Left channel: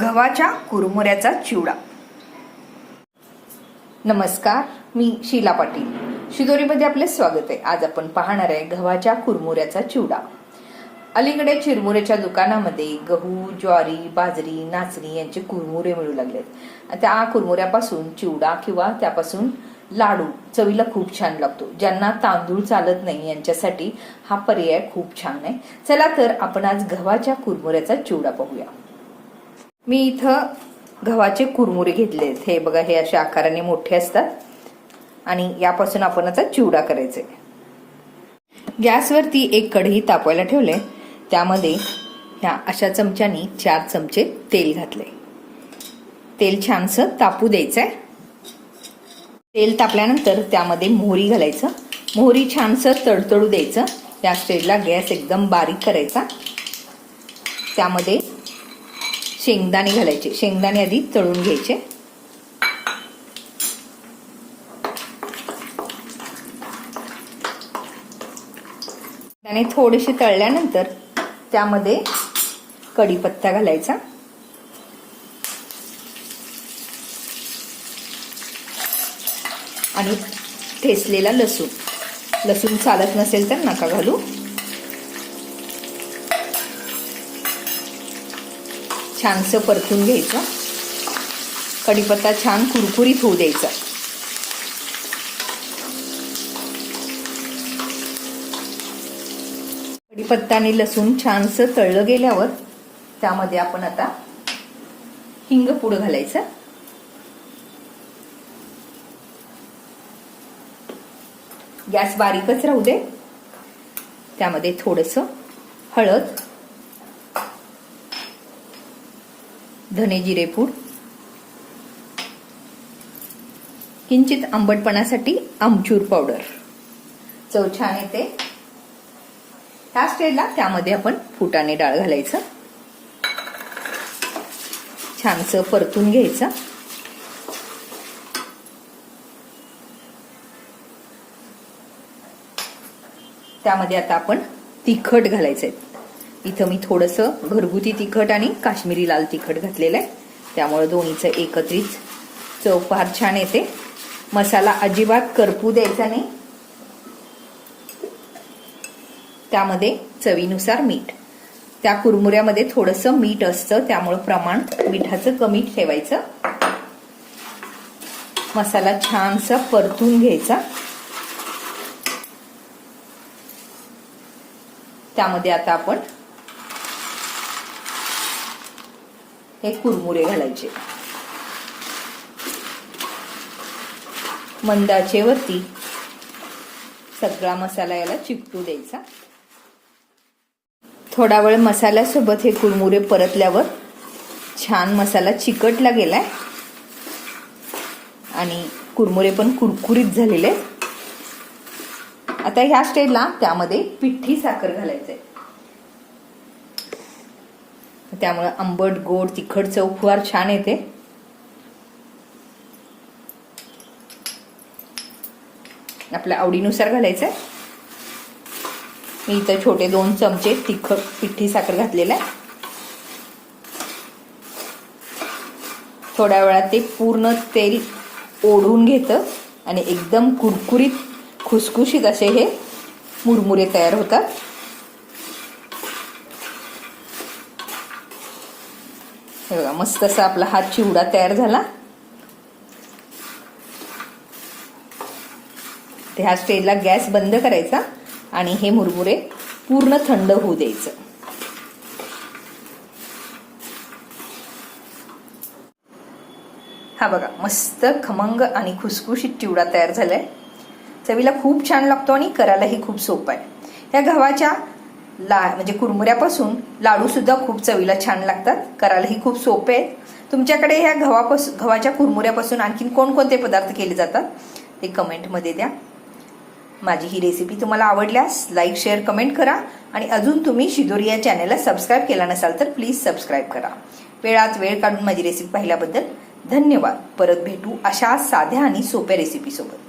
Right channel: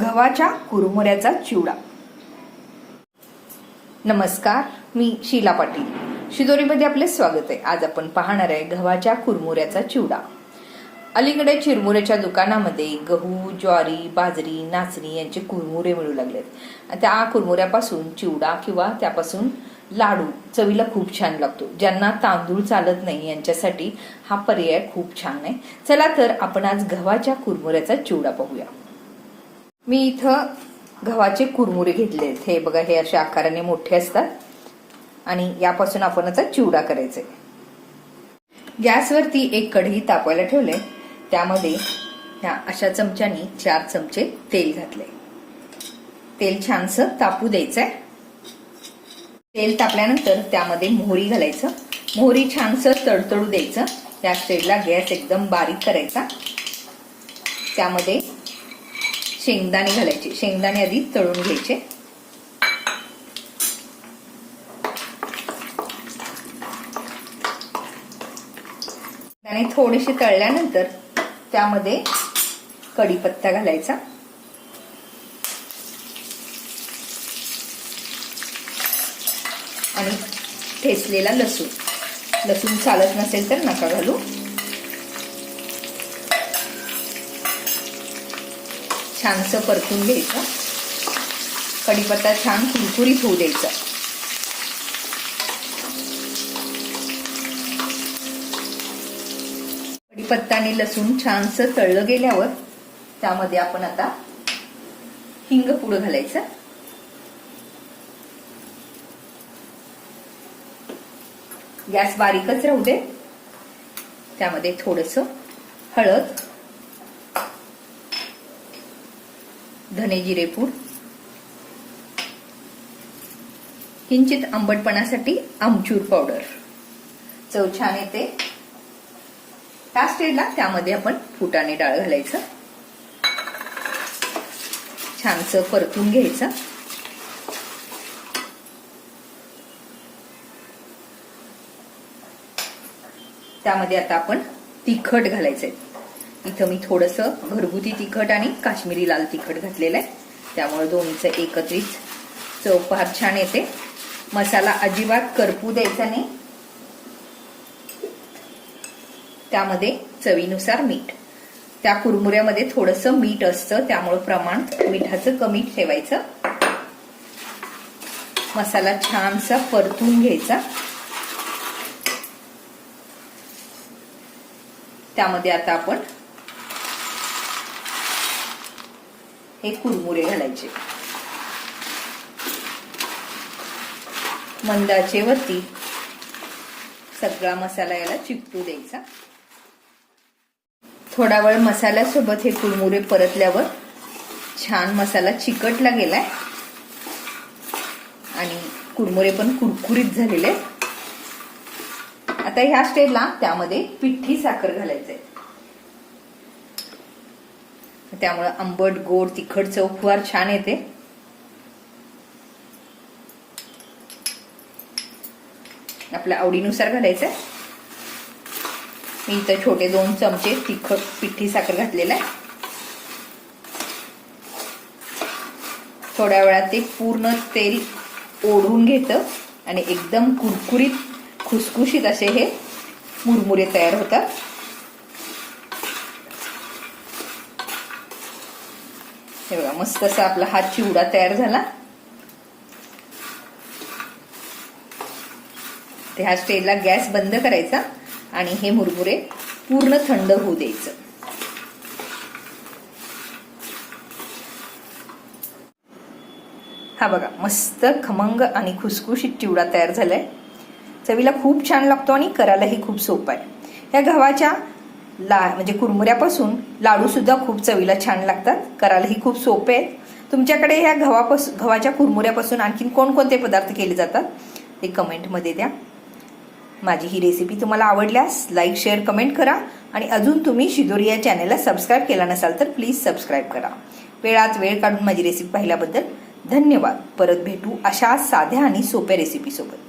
गव्हाच्या कुरमुऱ्याचा चिवडा. नमस्कार मी शीला पाटील. शिदोरीमध्ये आपले स्वागत आहे. आज आपण पाहणार आहे गव्हाच्या कुरमुऱ्याचा चिवडा. अलीकडे चिरमुऱ्याच्या दुकानामध्ये गहू ज्वारी बाजरी नाचणी यांचे कुरमुरे मिळू लागलेत. त्या कुरमुऱ्यापासून चिवडा किंवा त्यापासून लाडू चवीला खूप छान लागतो. ज्यांना तांदूळ चालत नाही यांच्यासाठी हा पर्याय खूप छान आहे. चला तर आपण आज गव्हाच्या कुरमुऱ्याचा चिवडा पाहूया. मी इथं गव्हाचे कुरमुरे घेतले हे बघा हे अशा आकाराने मोठे असतात. आणि यापासून आपण आता चिवडा करायचे गॅसवरती एक कढई तापवायला ठेवले त्यामध्ये ह्या अशा चमच्यानी चार चमचे तेल घातले तेल छानसं तापू द्यायचंय. तेल तापल्यानंतर त्यामध्ये मोहरी घालायचं. मोहरी छानसं तडतडू द्यायचं. त्या स्टेजला गॅस एकदम बारीक करायचा. त्यामध्ये शेंगदाणे घालायचे. शेंगदाणे आधी तळून घ्यायचे. आणि थोडेसे तळल्यानंतर त्यामध्ये कढीपत्ता घालायचा. आणि ठेचलेला लसूण. लसूण चालत नसेल तर नका घालू. छानसं परतून घ्यायचं. कढीपत्ता छान कुरकुरीत होऊ द्यायचा. कढीपत्ता आणि लसूण छानसं तळलं गेल्यावर त्यामध्ये आपण आता हिंग पुढं घालायचं. गॅस बारीकच राहू दे. त्यामध्ये थोडस हळद धने जिरेपूड किंचित आंबटपणासाठी आमचूर पावडर. चव छान येते. त्या स्टेजला त्यामध्ये आपण फुटाणे डाळ घालायचं. छानसं परतून घ्यायचं. त्यामध्ये आता आपण तिखट घालायचंय. इथं मी थोडंसं घरगुती तिखट आणि काश्मीरी लाल तिखट घातलेलं आहे. त्यामुळे दोन्हीचं एकत्रित चव फार छान येते. मसाला अजिबात करपू द्यायचा नाही. त्यामध्ये चवीनुसार मीठ. त्या कुरमुऱ्यामध्ये थोडस मीठ असतं त्यामुळं प्रमाण मिठाचं कमी ठेवायचं. मसाला छानसा परतून घ्यायचा. त्यामध्ये आता आपण हे कुरमुरे घालायचे. मंदाचे वरती सगळा मसाला याला चिपटू द्यायचा. थोडा वेळ मसाल्यासोबत हे कुरमुरे परतल्यावर छान मसाला चिकटला गेलाय. आणि कुरमुरे पण कुरकुरीत झालेले आता ह्या स्टेजला त्यामध्ये पिठी साखर घालायचंय. त्यामुळे आंबट गोड तिखट चव फार छान येते. आपल्या आवडीनुसार घालायचंय मी इथं छोटे दोन चमचे तिखट पिठी साखर घातलेला आहे. थोड्या वेळात ते पूर्ण तेल ओढून घेतं आणि एकदम कुरकुरीत खुसखुशीत असे हे मुरमुरे तयार होतात. हे बघा मस्त असा आपला हा चिवडा तयार झाला. ते ह्या स्टेजला गॅस बंद करायचा आणि हे मुरमुरे पूर्ण थंड होऊ द्यायचं. हा बघा मस्त खमंग आणि खुसखुशीत चिवडा तयार झालाय. चवीला खूप छान लागतो आणि करायलाही खूप सोपं आहे. या गव्हाच्या ला म्हणजे कुरमुऱ्यापासून लाडू सुद्धा खूप चवीला छान लागतात. करायलाही खूप सोपे आहेत. तुमच्याकडे ह्या गव्हापासून गव्हाच्या कुरमुऱ्यापासून आणखीन कोणकोणते पदार्थ केले जातात? ते कमेंटमध्ये द्या. माझी ही रेसिपी तुम्हाला आवडल्यास लाईक शेअर कमेंट करा आणि अजून तुम्ही शिदोरी या चॅनलला सबस्क्राईब केला नसाल तर प्लीज सबस्क्राईब करा. वेळात वेळ काढून माझी रेसिपी पाहिल्याबद्दल धन्यवाद. परत भेटू अशा साध्या आणि सोप्या रेसिपीसोबत